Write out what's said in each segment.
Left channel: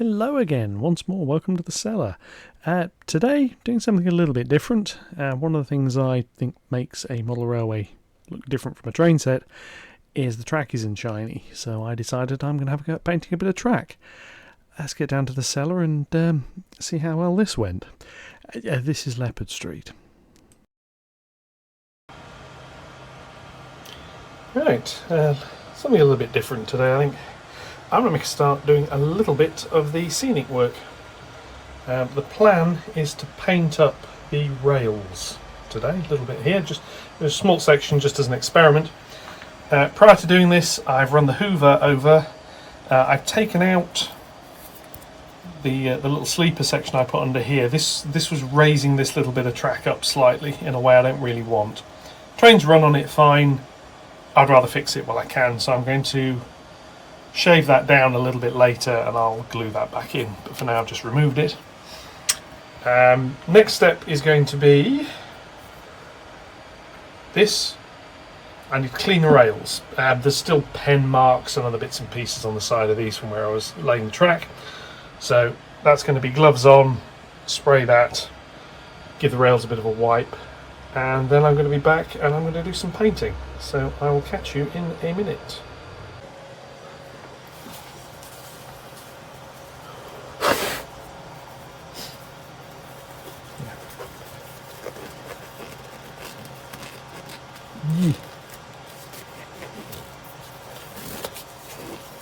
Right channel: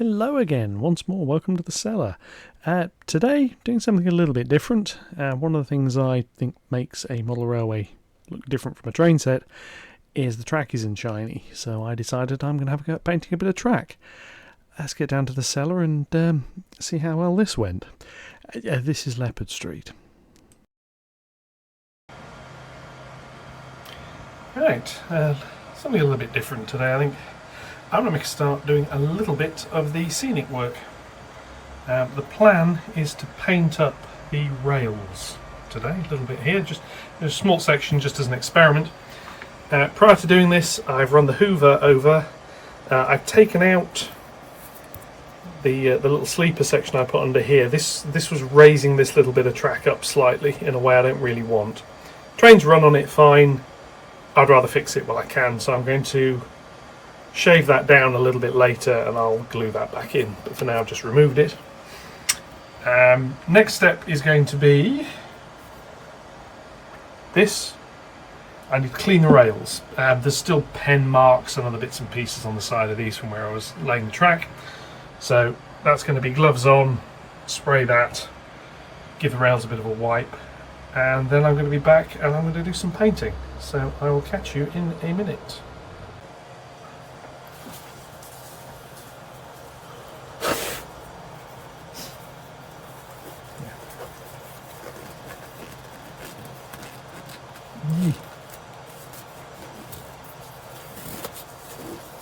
Hello again, once more, welcome to the cellar. Today, doing something a little bit different. One of the things I think makes a model railway look different from a train set is the track isn't shiny, so I decided I'm going to have a go at painting a bit of track. Let's get down to the cellar and see how well this went. This is Leopard Street. Right, something a little bit different today, I think. I'm going to start doing a little bit of the scenic work. The plan is to paint up the rails today, a little bit here, just a small section just as an experiment. Prior to doing this, I've run the hoover over. I've taken out the little sleeper section I put under here. This was raising this little bit of track up slightly in a way I don't really want. Trains run on it fine. I'd rather fix it while I can, so I'm going to shave that down a little bit later and I'll glue that back in, but for now I've just removed it. Next step is going to be this. I need to clean the rails. There's still pen marks and other bits and pieces on the side of these from where I was laying the track, so that's going to be gloves on, spray that, give the rails a bit of a wipe, and then I'm going to be back and I'm going to do some painting, so I will catch you in a minute.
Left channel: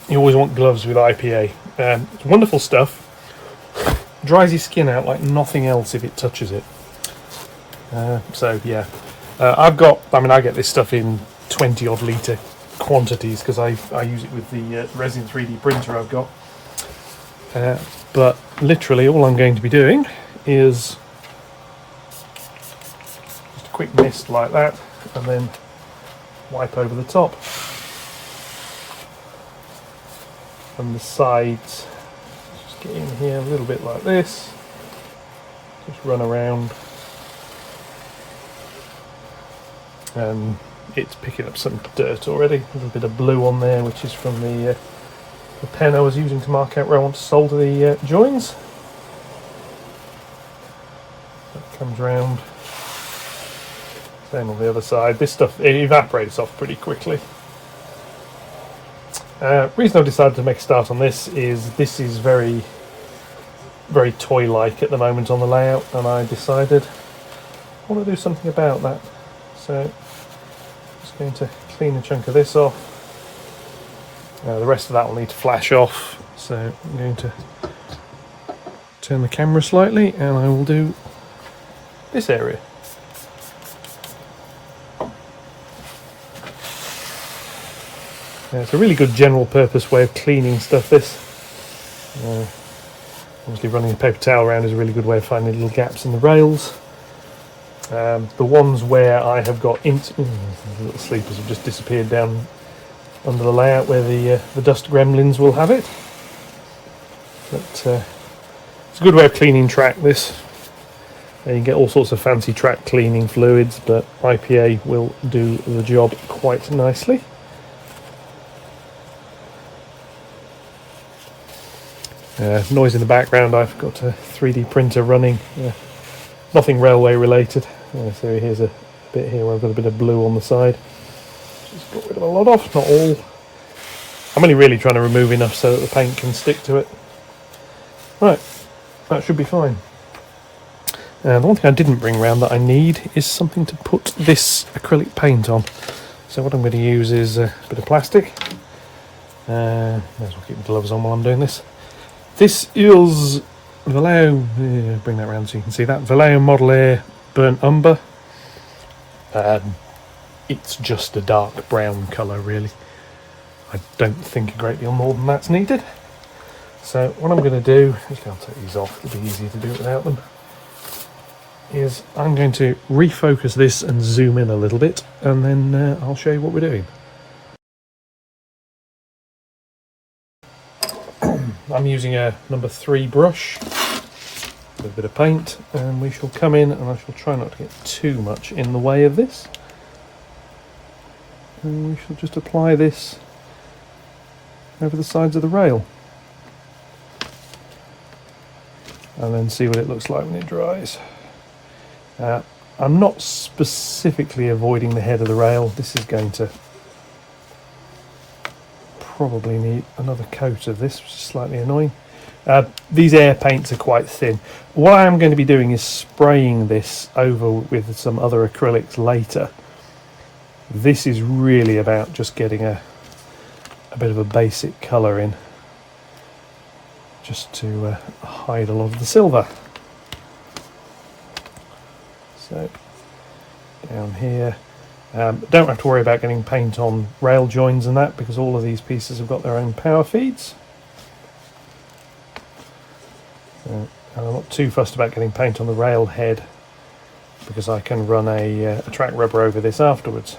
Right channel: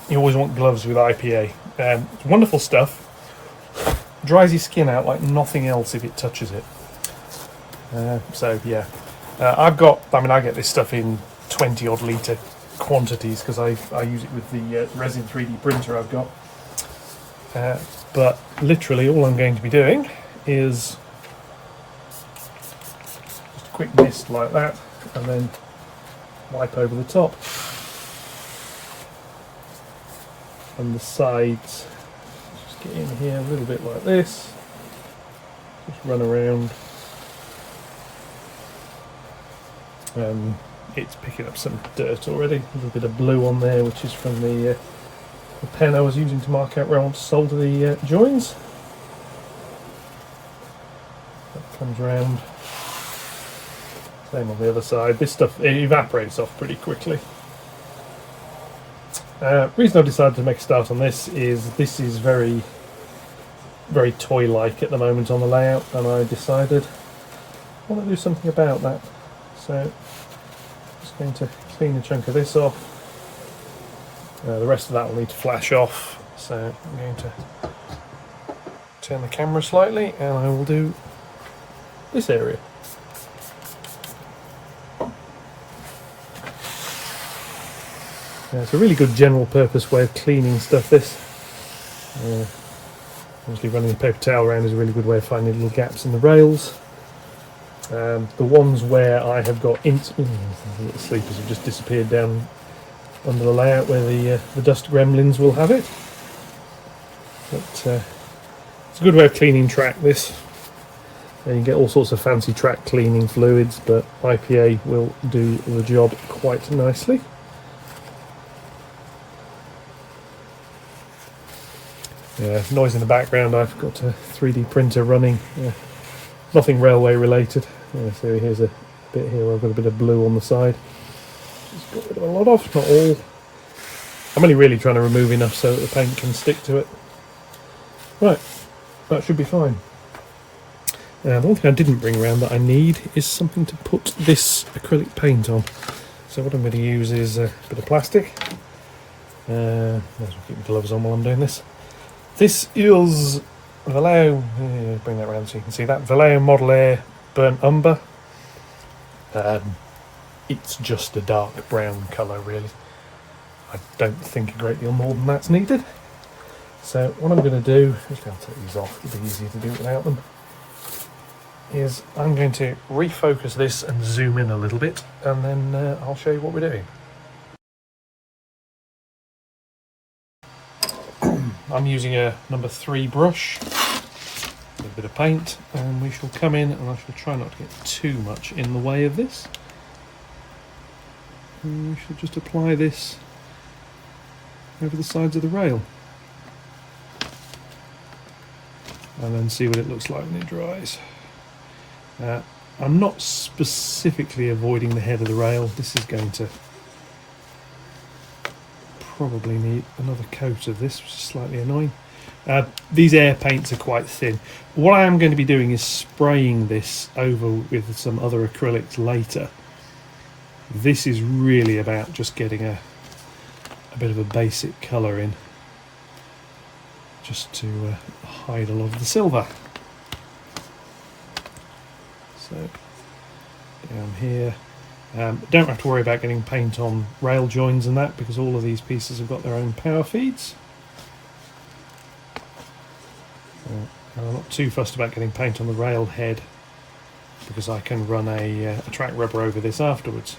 You always want gloves with IPA. It's wonderful stuff. Dries your skin out like nothing else if it touches it. So yeah, I get this stuff in 20 odd litre quantities because I use it with the resin 3D printer I've got. But literally all I'm going to be doing is just a quick mist like that and then wipe over the top. And the sides, just get in here a little bit like this, just run around. It's picking up some dirt already, a little bit of blue on there, which is from the pen I was using to mark out where I want to solder the joins. That comes round, same on the other side. This stuff, it evaporates off pretty quickly. Reason I decided to make a start on this is very, very toy-like at the moment on the layout, and I decided I want to do something about that. So I'm just going to clean a chunk of this off. The rest of that will need to flash off, so I'm going to turn the camera slightly and I will do this area. It's a really good general purpose way of cleaning stuff, this. Obviously running a paper towel around is a really good way of finding little gaps in the rails. The ones where I have got the little sleepers have just disappeared down under the layout where the dust gremlins will have it. But it's a good way of cleaning track, this. And you can get all sorts of fancy track cleaning fluids, but IPA will do the job quite nicely. Noise in the background, I've got a 3D printer running, nothing railway related. So here's a bit here where I've got a bit of blue on the side. Just got rid of a lot off, not all. I'm only really trying to remove enough so that the paint can stick to it. Right, that should be fine. The one thing I didn't bring around that I need is something to put this acrylic paint on. So what I'm going to use is a bit of plastic. May as well keep my gloves on while I'm doing this. This is Vallejo, bring that around so you can see that, Vallejo Model Air Burnt Umber. It's just a dark brown colour really. I don't think a great deal more than that's needed. So what I'm going to do, actually I'll take these off, it'll be easier to do it without them, is I'm going to refocus this and zoom in a little bit and then I'll show you what we're doing. I'm using a number 3 brush with a bit of paint, and we shall come in and I shall try not to get too much in the way of this. And we shall just apply this over the sides of the rail. and then see what it looks like when it dries. I'm not specifically avoiding the head of the rail. This is going to probably need another coat of this, which is slightly annoying. These air paints are quite thin. What I am going to be doing is spraying this over with some other acrylics later. This is really about just getting a bit of a basic colour in, just to hide a lot of the silver. So down here, don't have to worry about getting paint on rail joins and that, because all of these pieces have got their own power feeds. And I'm not too fussed about getting paint on the rail head, because I can run a track rubber over this afterwards.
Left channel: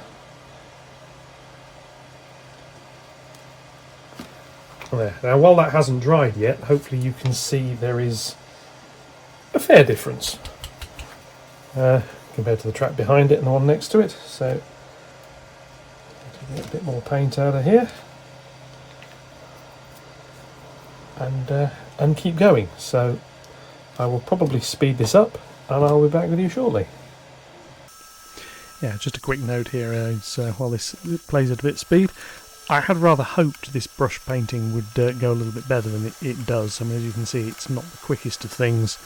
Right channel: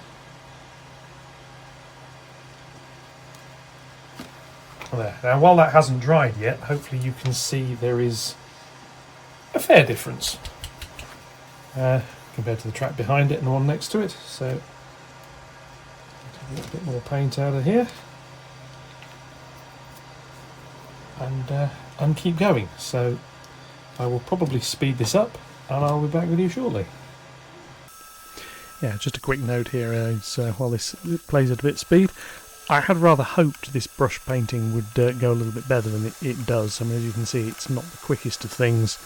There. Now, while that hasn't dried yet, hopefully you can see there is a fair difference compared to the track behind it and the one next to it. So, take a bit more paint out of here and keep going. So, I will probably speed this up, and I'll be back with you shortly. Yeah, just a quick note here while this plays at a bit of speed. I had rather hoped this brush painting would go a little bit better than it does. I mean, as you can see, it's not the quickest of things,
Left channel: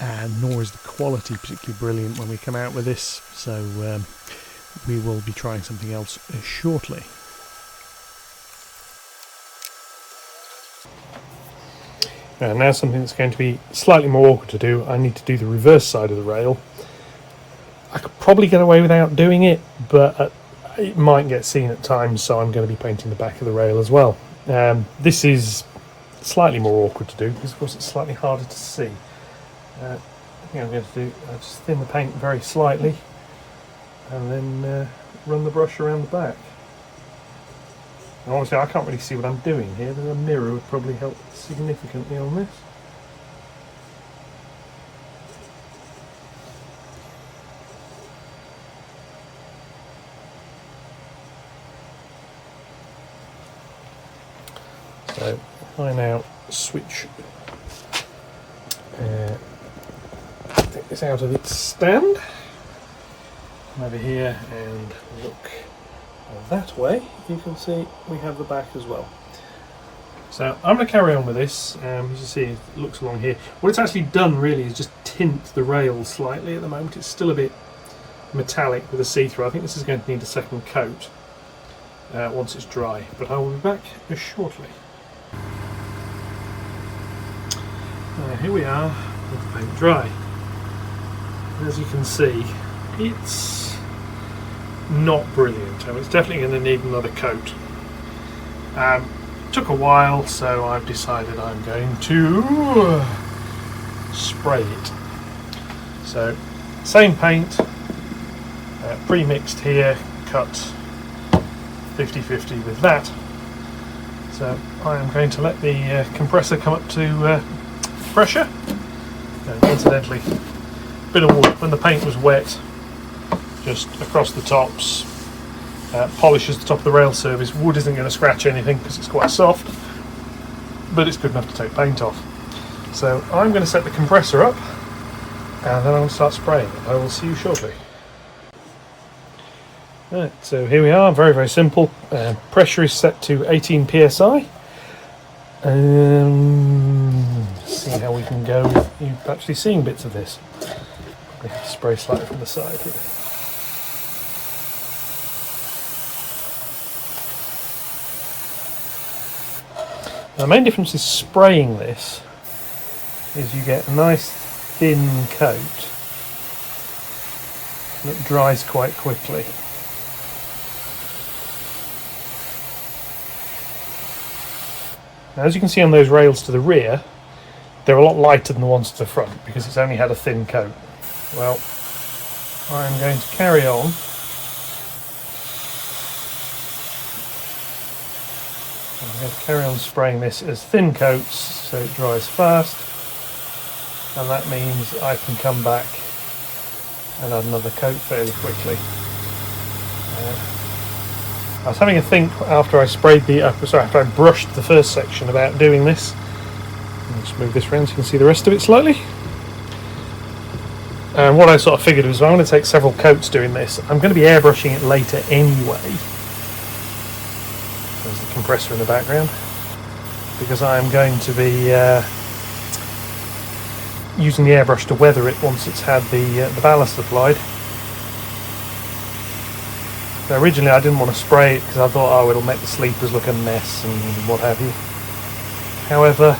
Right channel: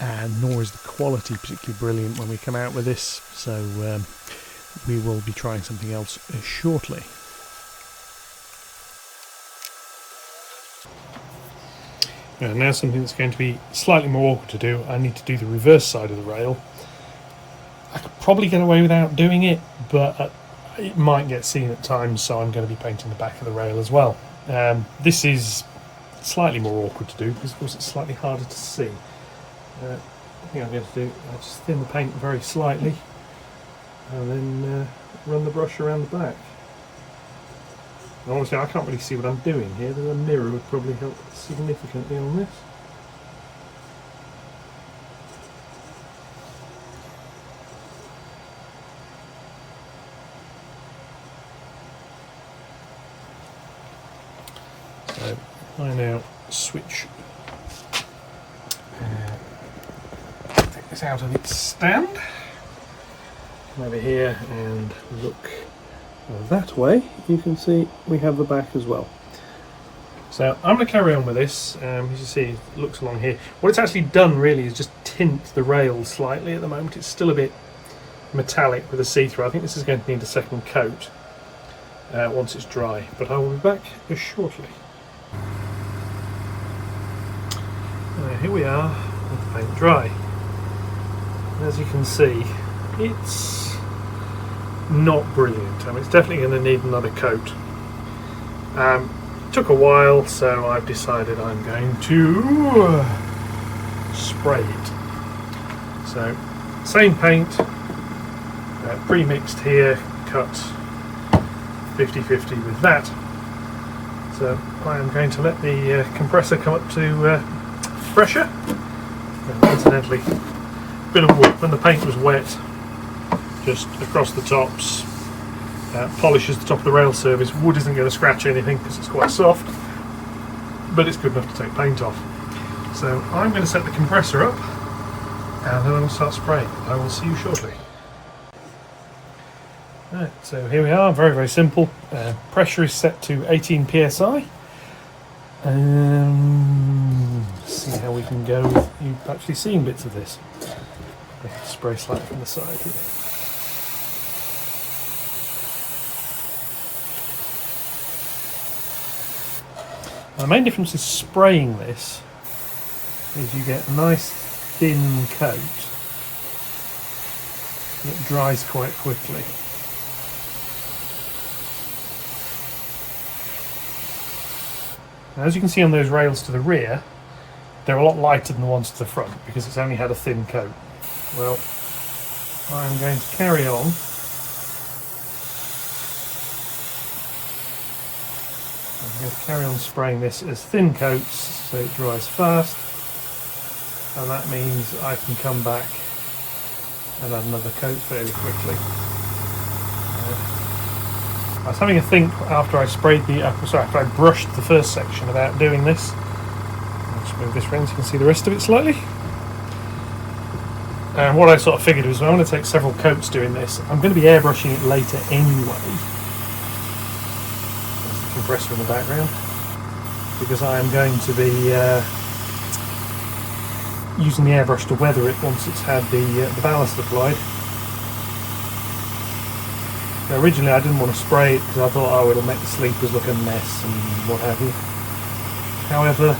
and nor is the quality particularly brilliant when we come out with this. So we will be trying something else shortly. Now something that's going to be slightly more awkward to do. I need to do the reverse side of the rail. I could probably get away without doing it, but it might get seen at times, so I'm going to be painting the back of the rail as well. This is slightly more awkward to do because, of course, it's slightly harder to see. I think I'm going to do just thin the paint very slightly, and then run the brush around the back. And obviously, I can't really see what I'm doing here. A mirror would probably help significantly on this. So I now switch take this out of its stand, come over here and look that way. You can see we have the back as well. So I'm going to carry on with this. As you see, it looks along here. What it's actually done really is just tint the rail slightly at the moment. It's still a bit metallic with a see-through. I think this is going to need a second coat once it's dry, but I will be back shortly. Here we are with the paint dry. As you can see, it's not brilliant. I mean, it's definitely going to need another coat. Took a while, so I've decided I'm going to spray it. So, same paint, pre-mixed here, cut 50-50 with that. So I am going to let the compressor come up to pressure. And incidentally, a bit of wood when the paint was wet, just across the tops, polishes the top of the rail surface. Wood isn't going to scratch anything because it's quite soft, but it's good enough to take paint off. So I'm going to set the compressor up, and then I'm going to start spraying it. I will see you shortly. Right, so here we are, very simple. Pressure is set to 18 psi. See how we can go with you actually seeing bits of this. Spray slightly from the side here. The main difference is spraying this is you get a nice thin coat that dries quite quickly. Now, as you can see on those rails to the rear, they're a lot lighter than the ones to the front because it's only had a thin coat. Well, I'm going to carry on. I'm going to carry on spraying this as thin coats so it dries fast, and that means I can come back and add another coat fairly quickly. I was having a think after I sprayed after I brushed the first section about doing this. Just move this around so you can see the rest of it slightly. And what I sort of figured was, well, I'm going to take several coats doing this. I'm going to be airbrushing it later anyway. There's the compressor in the background. Because I am going to be using the airbrush to weather it once it's had the ballast applied. Now, originally I didn't want to spray it because I thought, oh, it'll make the sleepers look a mess and what have you. However,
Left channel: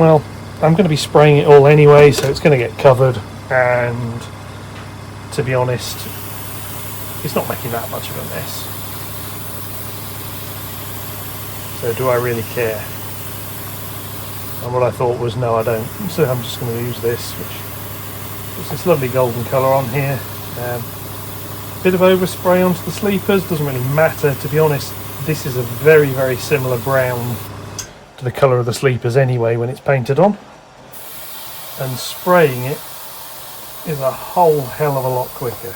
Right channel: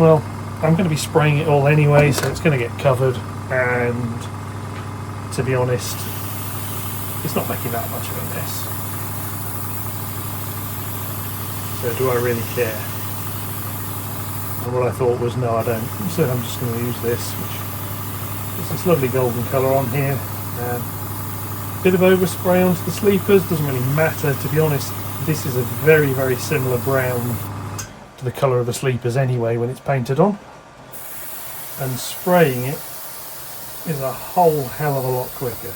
well, I'm going to be spraying it all anyway, so it's going to get covered, and to be honest, it's not making that much of a mess. So do I really care? And what I thought was, no, I don't. So I'm just going to use this, which is this lovely golden colour on here. Bit of overspray onto the sleepers, doesn't really matter. To be honest, this is a very, very similar brown to the colour of the sleepers anyway when it's painted on. And spraying it is a whole hell of a lot quicker.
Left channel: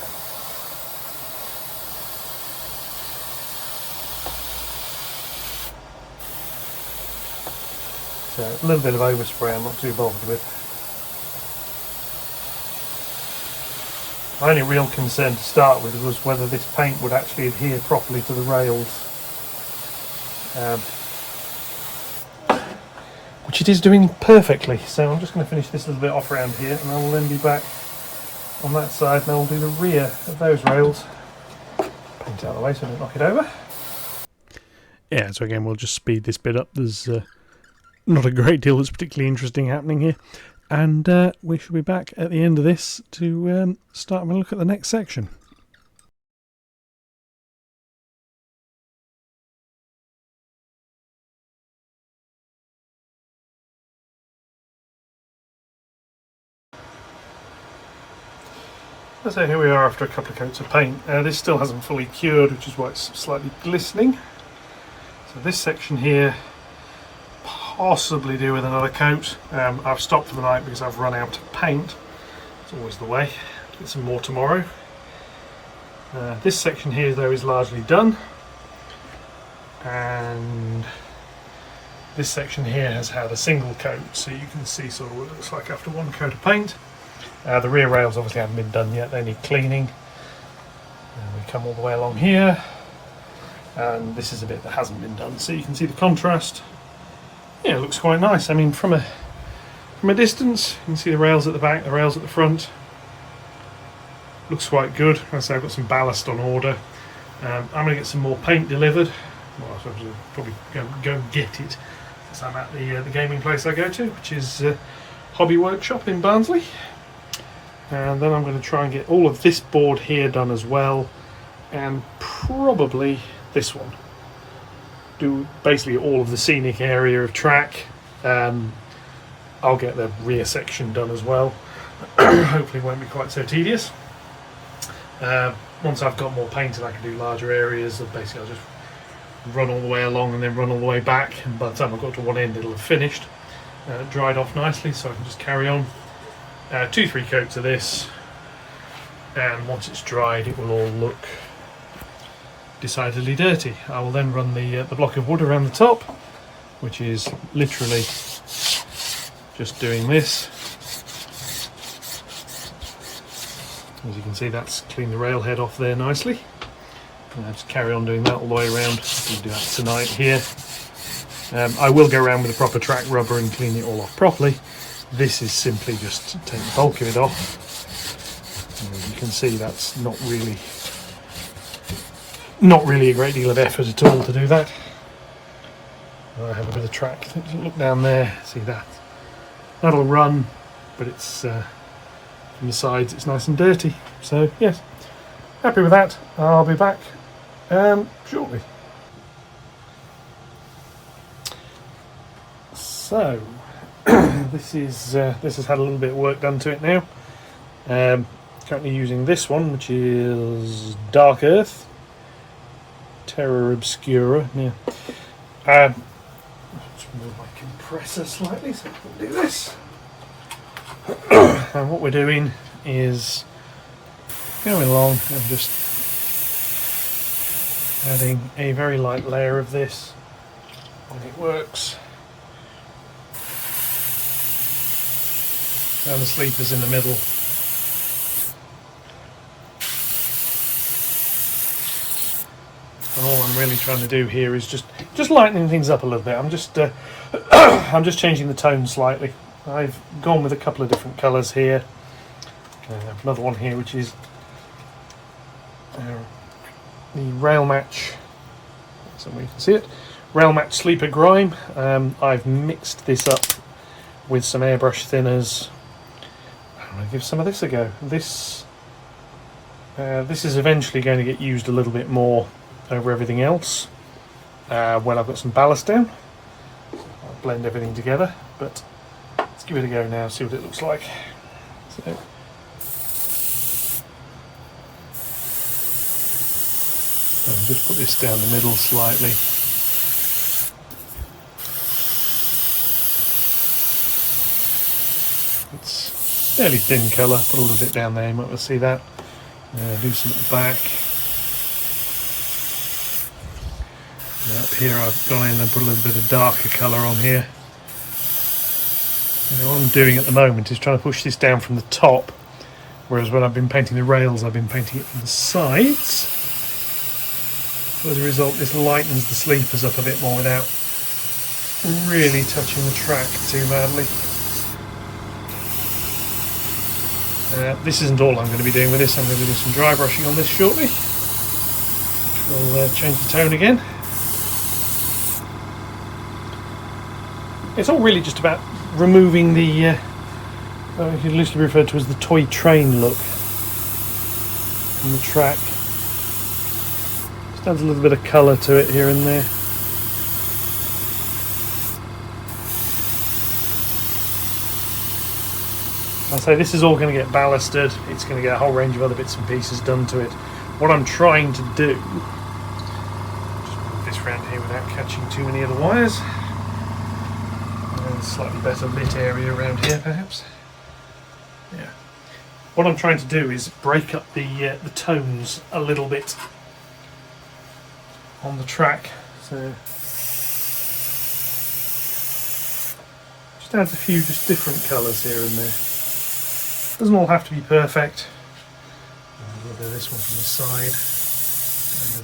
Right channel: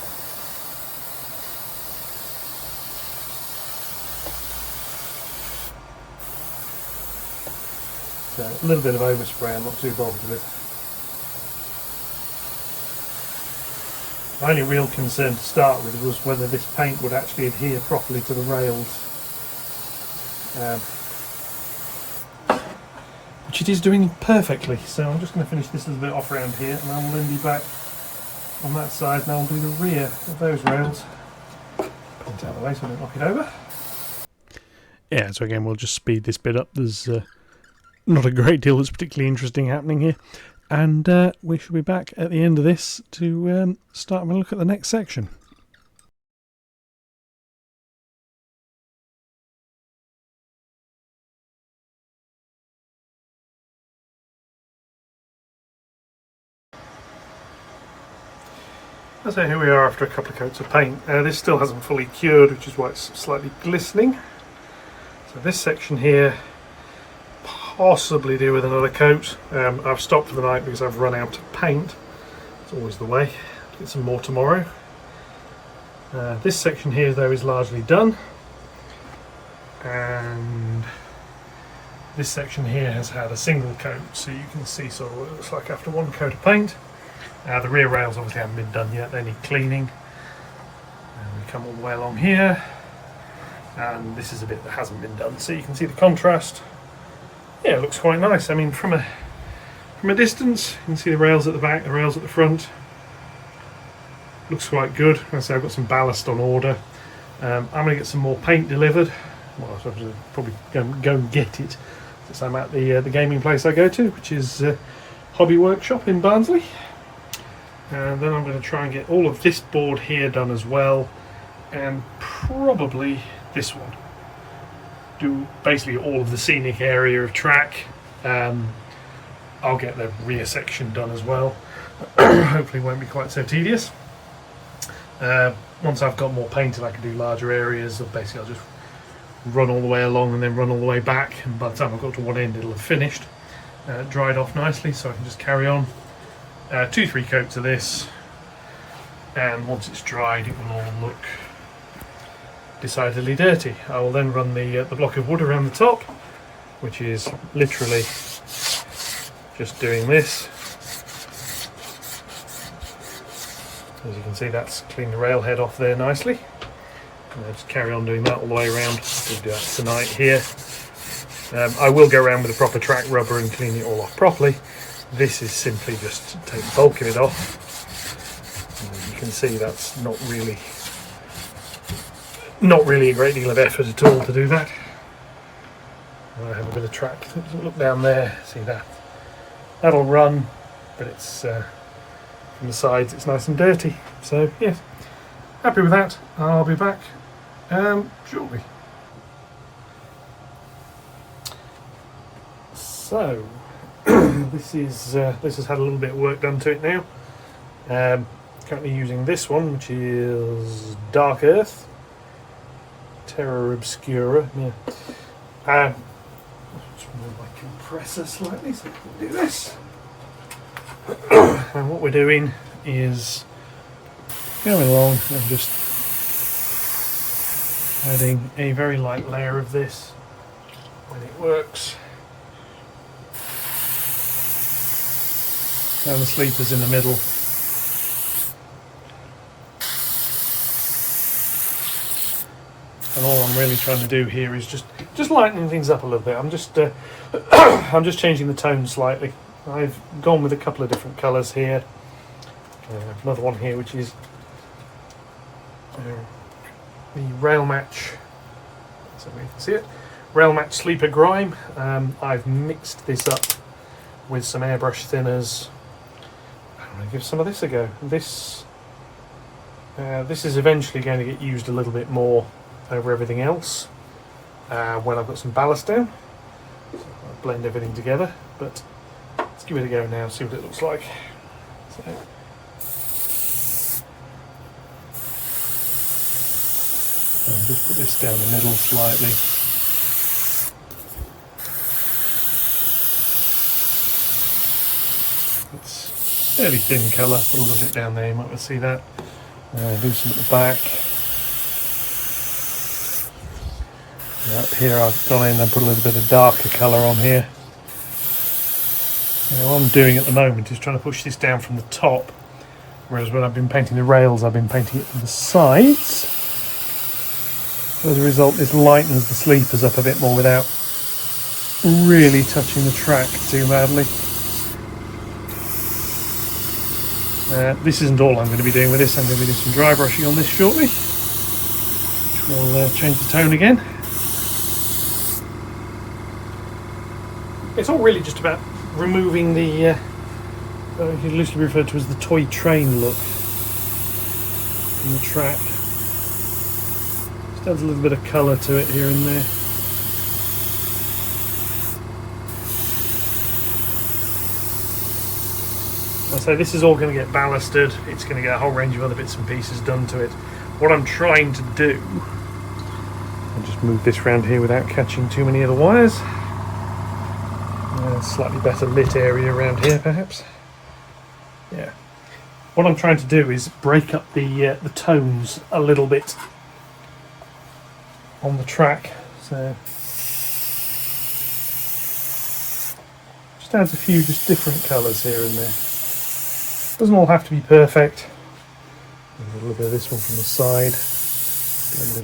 So a little bit of overspray I'm not too bothered with. My only real concern to start with was whether this paint would actually adhere properly to the rails. Which it is doing perfectly, so I'm just going to finish this little bit off around here, and I will then be back on that side, and I'll do the rear of those rails. Paint it out of the way so I don't knock it over. Yeah, so again we'll just speed this bit up. There's not a great deal that's particularly interesting happening here, and we shall be back at the end of this to start having a look at the next section. So here we are after a couple of coats of paint. This still hasn't fully cured, which is why it's slightly glistening. So this section here, possibly do with another coat. I've stopped for the night because I've run out of paint. It's always the way. Get some more tomorrow. This section here though is largely done. And this section here has had a single coat, so you can see sort of what it looks like after one coat of paint. The rear rails obviously haven't been done yet, they need cleaning. And we come all the way along here, and this is a bit that hasn't been done, so you can see the contrast. Yeah, it looks quite nice. I mean, from a distance, you can see the rails at the back, the rails at the front. Looks quite good. As I say, I've got some ballast on order. I'm going to get some more paint delivered. Well, I suppose I'll probably go and get it, since I'm at the gaming place I go to, which is Hobby Workshop in Barnsley. And then I'm going to try and get all of this board here done as well, and probably this one. Do basically all of the scenic area of track. I'll get the rear section done as well. Hopefully it won't be quite so tedious. Once I've got more painted, I can do larger areas. Basically I'll just run all the way along and then run all the way back, and by the time I've got to one end it'll have finished, dried off nicely, so I can just carry on. 2-3 coats of this, and once it's dried it will all look decidedly dirty. I will then run the block of wood around the top, which is literally just doing this. As you can see, that's cleaned the rail head off there nicely, and I'll just carry on doing that all the way around. We'll do that tonight here. I will go around with a proper track rubber and clean it all off properly. This is simply just take the bulk of it off. And you can see that's not really a great deal of effort at all to do that. I have a bit of track. Look down there, see that? That'll run, but it's from the sides it's nice and dirty. So yes, happy with that. I'll be back shortly. So this has had a little bit of work done to it now. Currently using this one, which is Dark Earth, Terra Obscura. Yeah. Let's move my compressor slightly so we'll do this. And what we're doing is going along and just adding a very light layer of this, and it works and the sleepers in the middle. And all I'm really trying to do here is just lightening things up a little bit. I'm just I'm just changing the tone slightly. I've gone with a couple of different colours here. Another one here which is the Rail Match. So you can see it. Rail Match Sleeper Grime. I've mixed this up with some airbrush thinners. I'm going to give some of this a go. This is eventually going to get used a little bit more over everything else when I've got some ballast down. So I'll blend everything together, but let's give it a go now, see what it looks like. So I'll just put this down the middle slightly. It's fairly thin colour, put a little bit down there, you might be able to see that. Do some at the back. Up here I've gone in and put a little bit of darker colour on here. What I'm doing at the moment is trying to push this down from the top, whereas when I've been painting the rails I've been painting it from the sides. As a result, this lightens the sleepers up a bit more without really touching the track too badly. This isn't all I'm going to be doing with this. I'm going to be doing some dry brushing on this shortly, which will change the tone again. It's all really just about removing the, you can loosely refer to as the toy train look from the track. Just adds a little bit of colour to it here and there. I say this is all going to get ballasted. It's going to get a whole range of other bits and pieces done to it. What I'm trying to do, I'll just move this around here without catching too many other wires. Slightly better lit area around here perhaps. Yeah. What I'm trying to do is break up the tones a little bit on the track. So just adds a few just different colours here and there. Doesn't all have to be perfect. A little bit of this one from the side.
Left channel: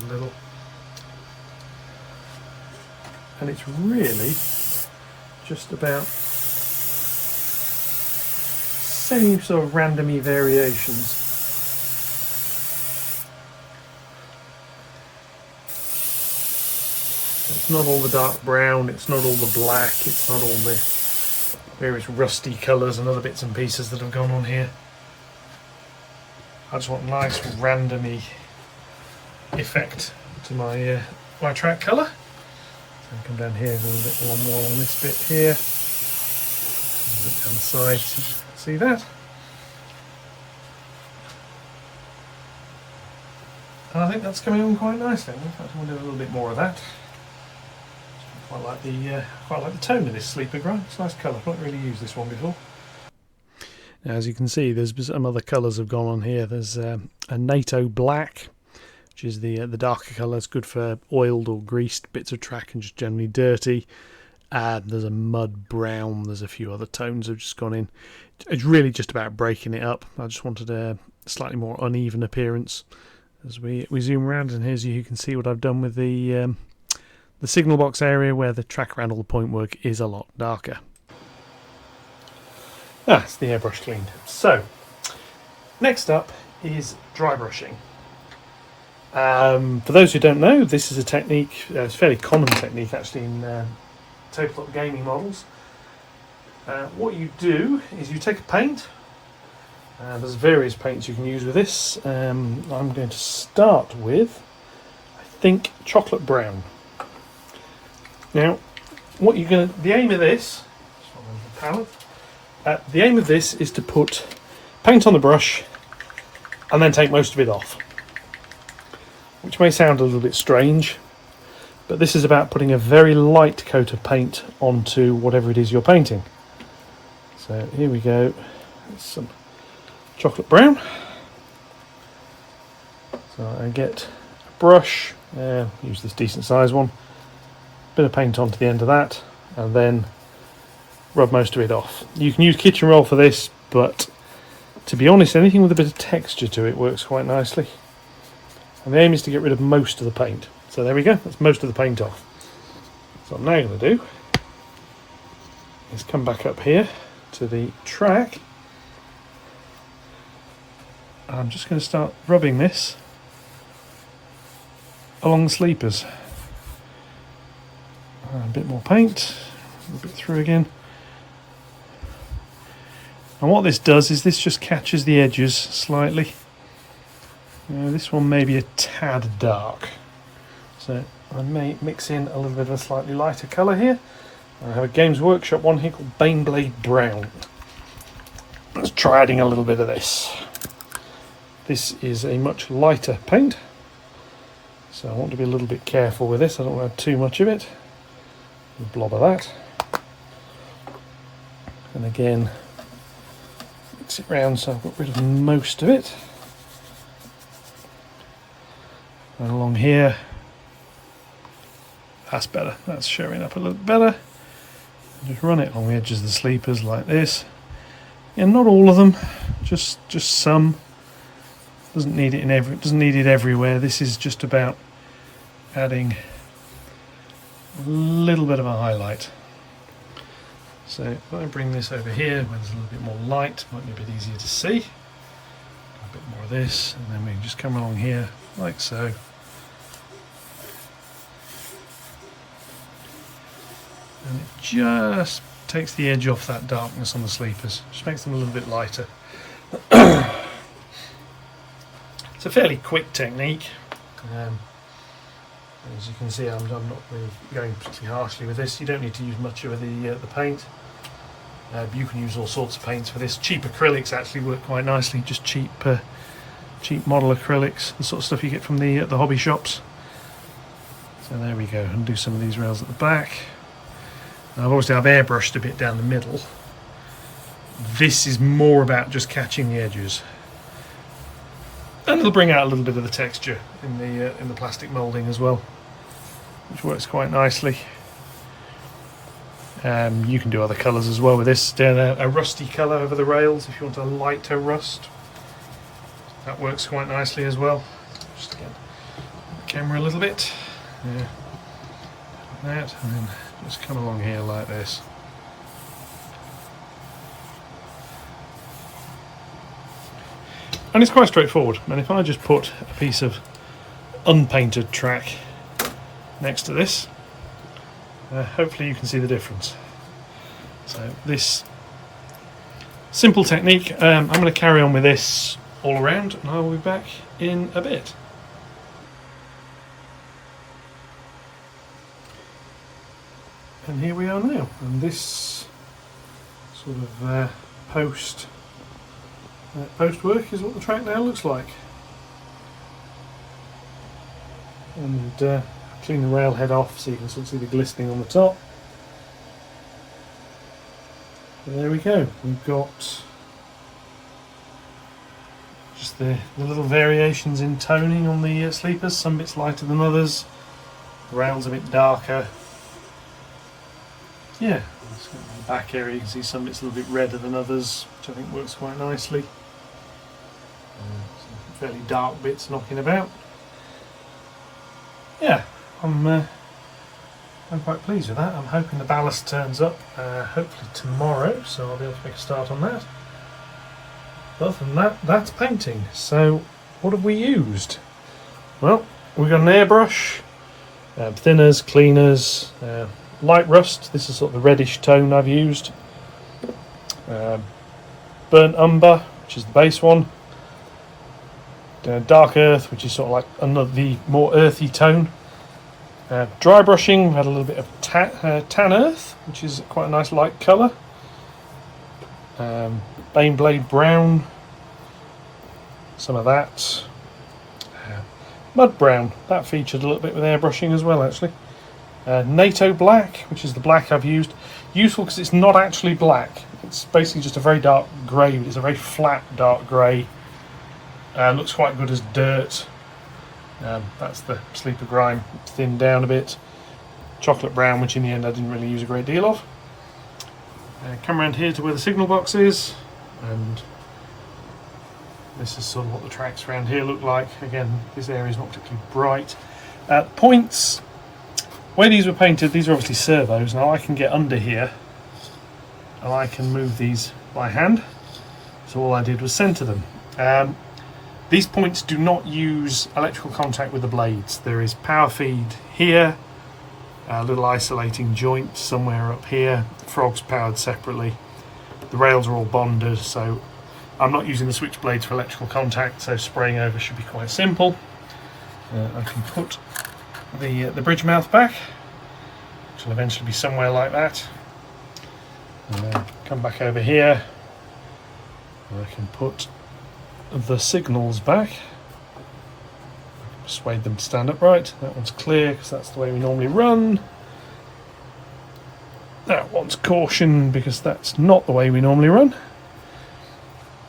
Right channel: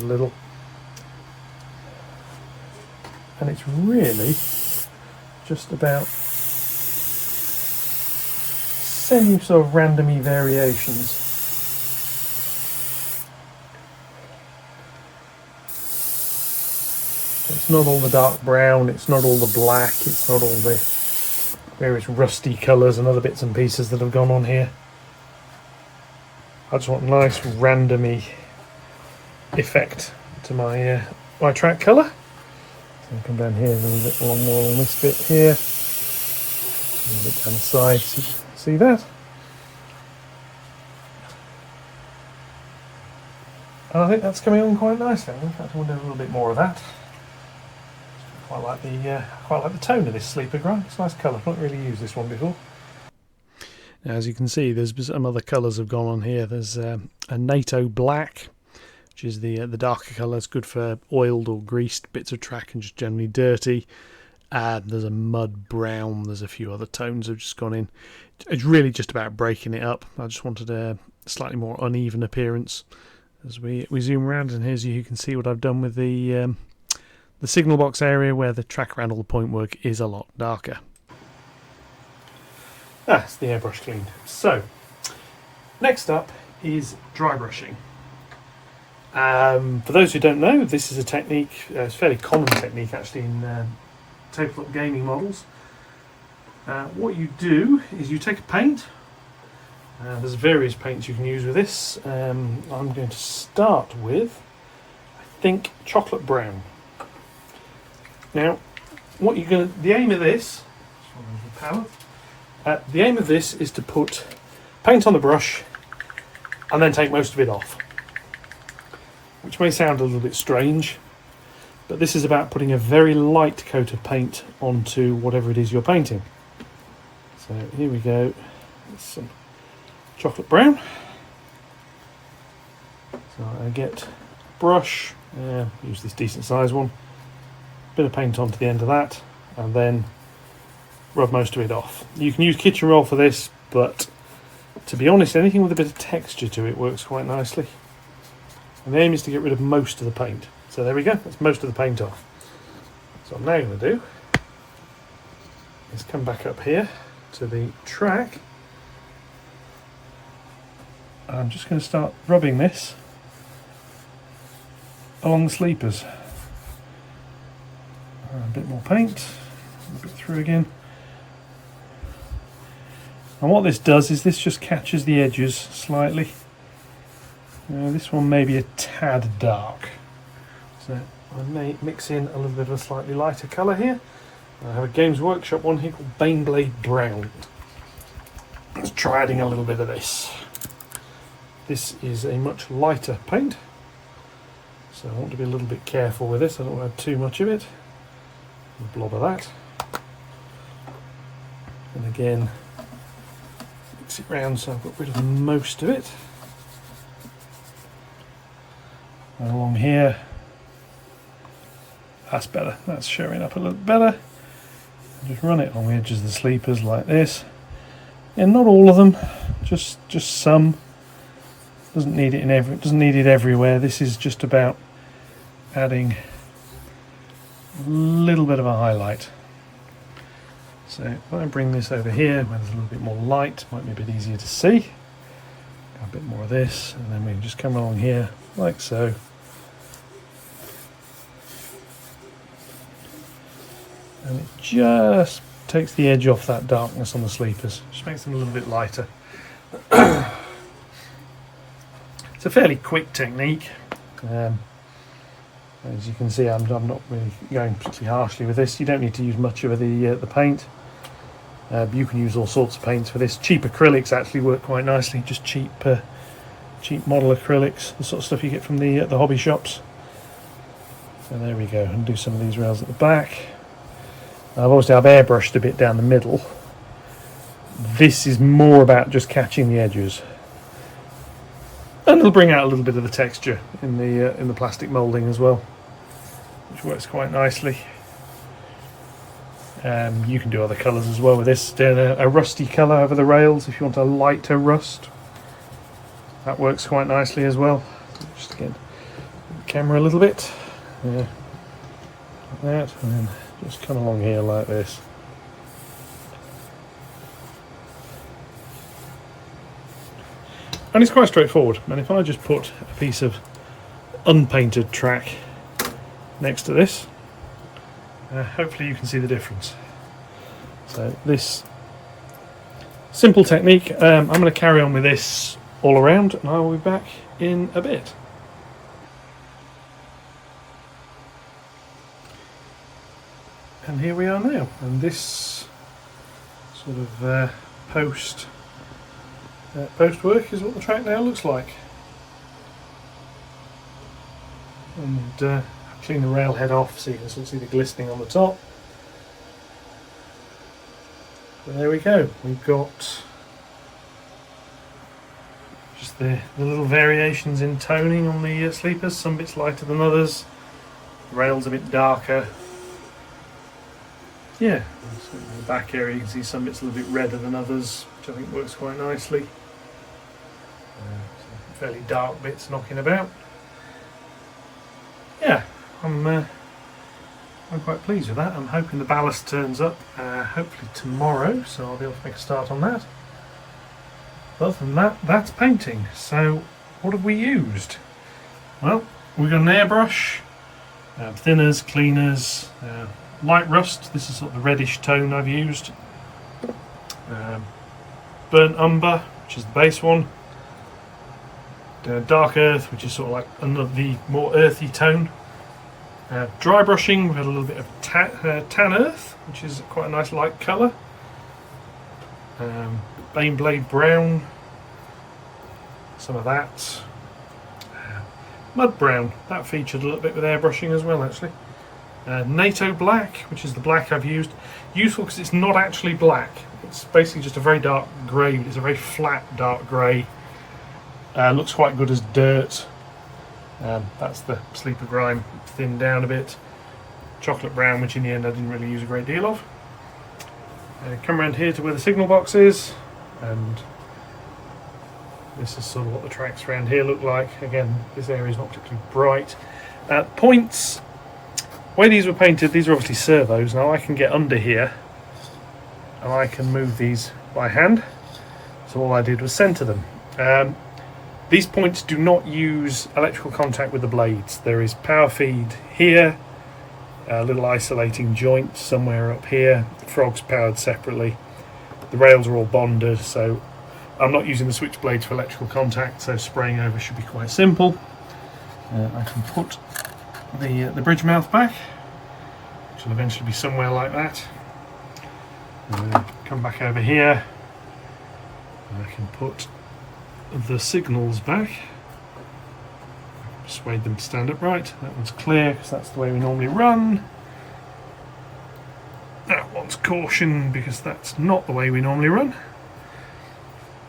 A little. And it's really just about same sort of randomy variations. It's not all the dark brown, it's not all the black, it's not all the various rusty colours and other bits and pieces that have gone on here. I just want a nice randomy effect to my my track colour. So I come down here a little bit more on this bit here. A little bit down the side, see that? And I think that's coming on quite nicely. I think I want to do a little bit more of that. Quite like the tone of this sleeper grime. It's a nice colour. I've not really used this one before. Now, as you can see, there's some other colours have gone on here. There's a NATO black, which is the darker colour. It's good for oiled or greased bits of track and just generally dirty. There's a mud brown. There's a few other tones have just gone in. It's really just about breaking it up. I just wanted a slightly more uneven appearance as we zoom around. And here's you can see what I've done with the signal box area where the track around all the point work is a lot darker. That's the airbrush cleaned. So, next up is dry brushing. For those who don't know, this is a technique, it's a fairly common technique actually in tabletop gaming models. What you do is you take a paint, there's various paints you can use with this. I'm going to start with, I think, chocolate brown. Now, the aim of this, the aim of this is to put paint on the brush and then take most of it off, which may sound a little bit strange, but this is about putting a very light coat of paint onto whatever it is you're painting. So here we go, some chocolate brown. So I get a brush, use this decent size one, bit of paint onto the end of that, and then rub most of it off. You can use kitchen roll for this, but to be honest, anything with a bit of texture to it works quite nicely. And the aim is to get rid of most of the paint. So there we go, that's most of the paint off. So what I'm now going to do is come back up here to the track. And I'm just going to start rubbing this along the sleepers. A bit more paint, a bit through again. And what this does is this just catches the edges slightly. This one may be a tad dark, so I may mix in a little bit of a slightly lighter colour here. I have a Games Workshop one here called Baneblade Brown. Let's try adding a little bit of this. This is a much lighter paint, so I want to be a little bit careful with this. I don't want to have too much of it. A blob of that. And again, mix it round so I've got rid of most of it. And along here, that's better. That's showing up a little better. Just run it along the edges of the sleepers like this. And not all of them, just some. Doesn't need it doesn't need it everywhere. This is just about adding a little bit of a highlight. So if I bring this over here where there's a little bit more light, might be a bit easier to see. A bit more of this, and then we can just come along here like so. And it just takes the edge off that darkness on the sleepers, just makes them a little bit lighter. It's a fairly quick technique. As you can see, I'm not really going particularly harshly with this. You don't need to use much of the paint. You can use all sorts of paints for this. Cheap acrylics actually work quite nicely. Just cheap model acrylics, the sort of stuff you get from the hobby shops. So there we go. And do some of these rails at the back. Obviously I've airbrushed a bit down the middle. This is more about just catching the edges, and it'll bring out a little bit of the texture in the plastic moulding as well, which works quite nicely. You can do other colours as well with this. A rusty colour over the rails if you want a lighter rust. That works quite nicely as well. Just get the camera a little bit. Yeah, like that, and then just come along here like this. And it's quite straightforward. And if I just put a piece of unpainted track next to this, hopefully you can see the difference. So this simple technique, I'm going to carry on with this all around, and I will be back in a bit. And here we are now, and this sort of post work is what the track now looks like. And clean the railhead off so you can sort of see the glistening on the top. And there we go, we've got just the little variations in toning on the sleepers, some bits lighter than others, the rail's a bit darker. Yeah, in the back area you can see some bits a little bit redder than others, which I think works quite nicely. Some fairly dark bits knocking about. Yeah, I'm quite pleased with that. I'm hoping the ballast turns up hopefully tomorrow, so I'll be able to make a start on that. But other than that, that's painting. So what have we used? Well, we've got an airbrush, thinners, cleaners, light rust. This is sort of the reddish tone I've used. Burnt umber, which is the base one. Dark earth, which is sort of like the more earthy tone. Dry brushing, we had a little bit of tan earth, which is quite a nice light colour. Baneblade brown, some of that. Mud brown, that featured a little bit with airbrushing as well actually. NATO black, which is the black I've used. Useful because it's not actually black. It's basically just a very dark grey. It's a very flat dark grey. Looks quite good as dirt. That's the sleeper grime, thinned down a bit. Chocolate brown, which in the end I didn't really use a great deal of. Come around here to where the signal box is. and this is sort of what the tracks around here look like. Again, this area is not particularly bright. Points, where these were painted, these are obviously servos. Now I can get under here and I can move these by hand. So all I did was centre them. These points do not use electrical contact with the blades. There is power feed here, a little isolating joint somewhere up here. The frog's powered separately. The rails are all bonded, so I'm not using the switch blades for electrical contact, so spraying over should be quite simple. I can put the bridge mouth back, which will eventually be somewhere like that. Come back over here. I can put the signals back. Persuade them to stand upright. That one's clear because that's the way we normally run. That one's caution because that's not the way we normally run.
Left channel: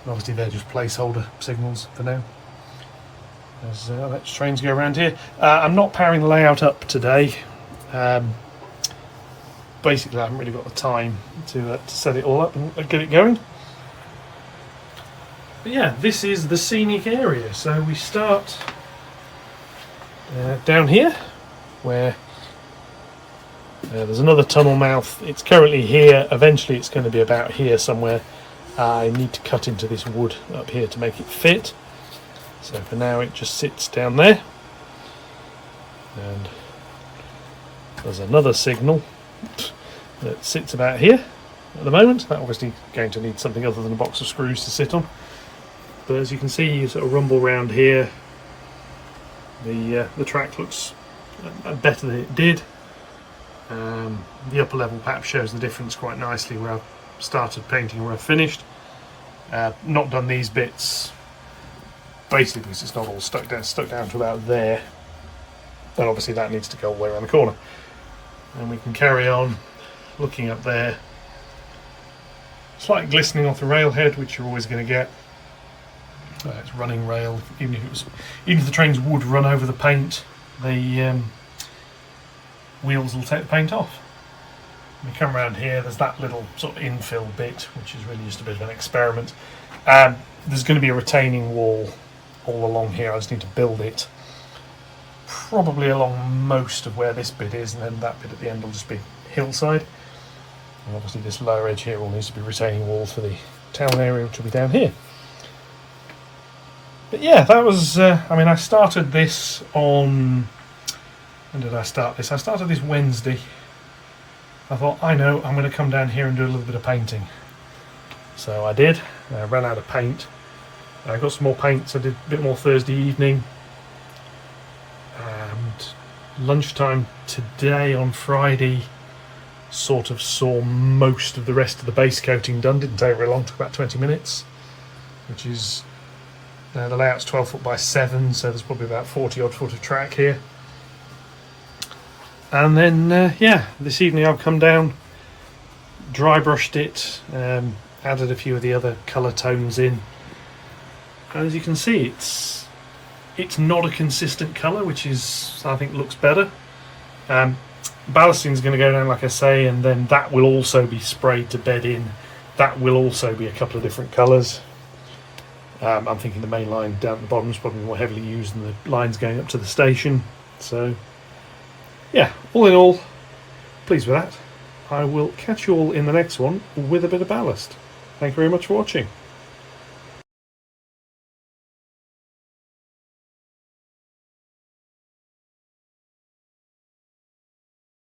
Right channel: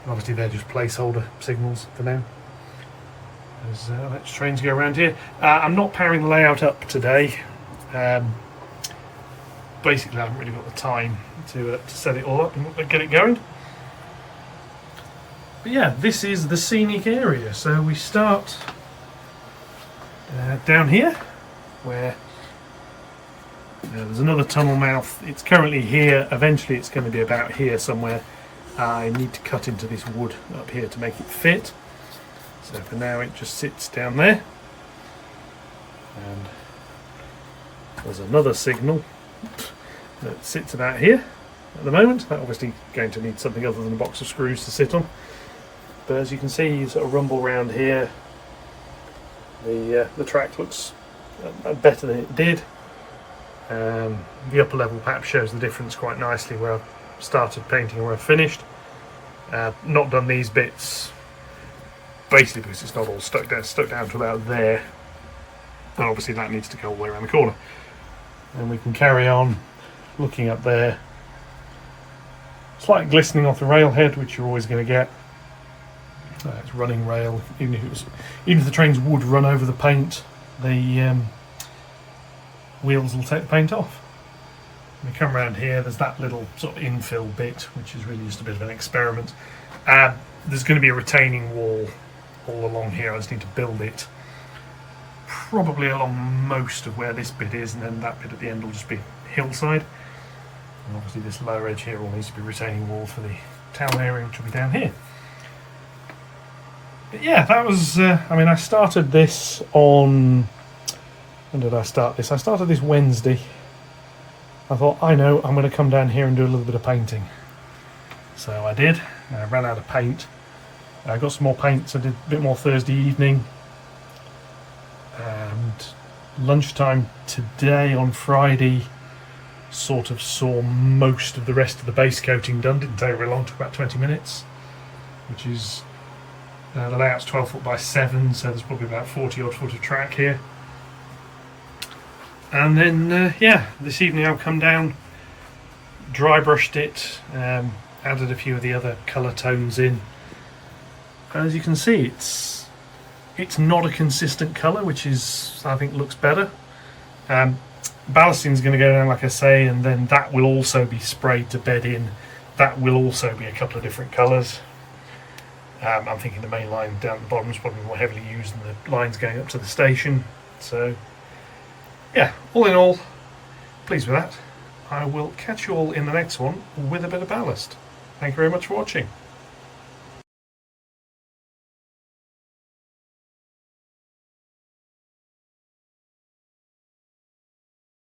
Obviously they're just placeholder signals for now, as electric trains go around here. I'm not powering the layout up today. Basically I haven't really got the time to set it all up and get it going. But yeah, this is the scenic area. So we start down here, where there's another tunnel mouth. It's currently here. Eventually it's going to be about here somewhere. I need to cut into this wood up here to make it fit. So for now it just sits down there. And there's another signal that sits about here at the moment. That's obviously going to need something other than a box of screws to sit on. But as you can see, you sort of rumble round here. The track looks better than it did. The upper level perhaps shows the difference quite nicely where I've started painting and where I've finished. Not done these bits basically because it's not all stuck down to about there. And obviously that needs to go all the way around the corner. And we can carry on looking up there. Slight glistening off the railhead, which you're always going to get. It's running rail. Even if the trains would run over the paint, the wheels will take the paint off. When we come around here, there's that little sort of infill bit, which is really just a bit of an experiment. There's going to be a retaining wall all along here. I just need to build it, probably along most of where this bit is, and then that bit at the end will just be hillside. And obviously this lower edge here will need to be retaining wall for the town area, which will be down here. But yeah, that was, I started this on, when did I start this? I started this Wednesday. I thought, I know, I'm going to come down here and do a little bit of painting. So I did. I ran out of paint. I got some more paint, so I did a bit more Thursday evening. And lunchtime today on Friday sort of saw most of the rest of the base coating done. Didn't take very long, took about 20 minutes, which is... the layout's 12 foot by 7, so there's probably about 40 odd foot of track here. And then, yeah, this evening I've come down, dry brushed it, added a few of the other colour tones in. And as you can see, it's not a consistent colour, which is, I think, looks better. Ballasting is going to go down, like I say, and then that will also be sprayed to bed in. That will also be a couple of different colours. I'm thinking the main line down at the bottom is probably more heavily used than the lines going up to the station. So, yeah, all in all, pleased with that. I will catch you all in the next one with a bit of ballast. Thank you very much for watching.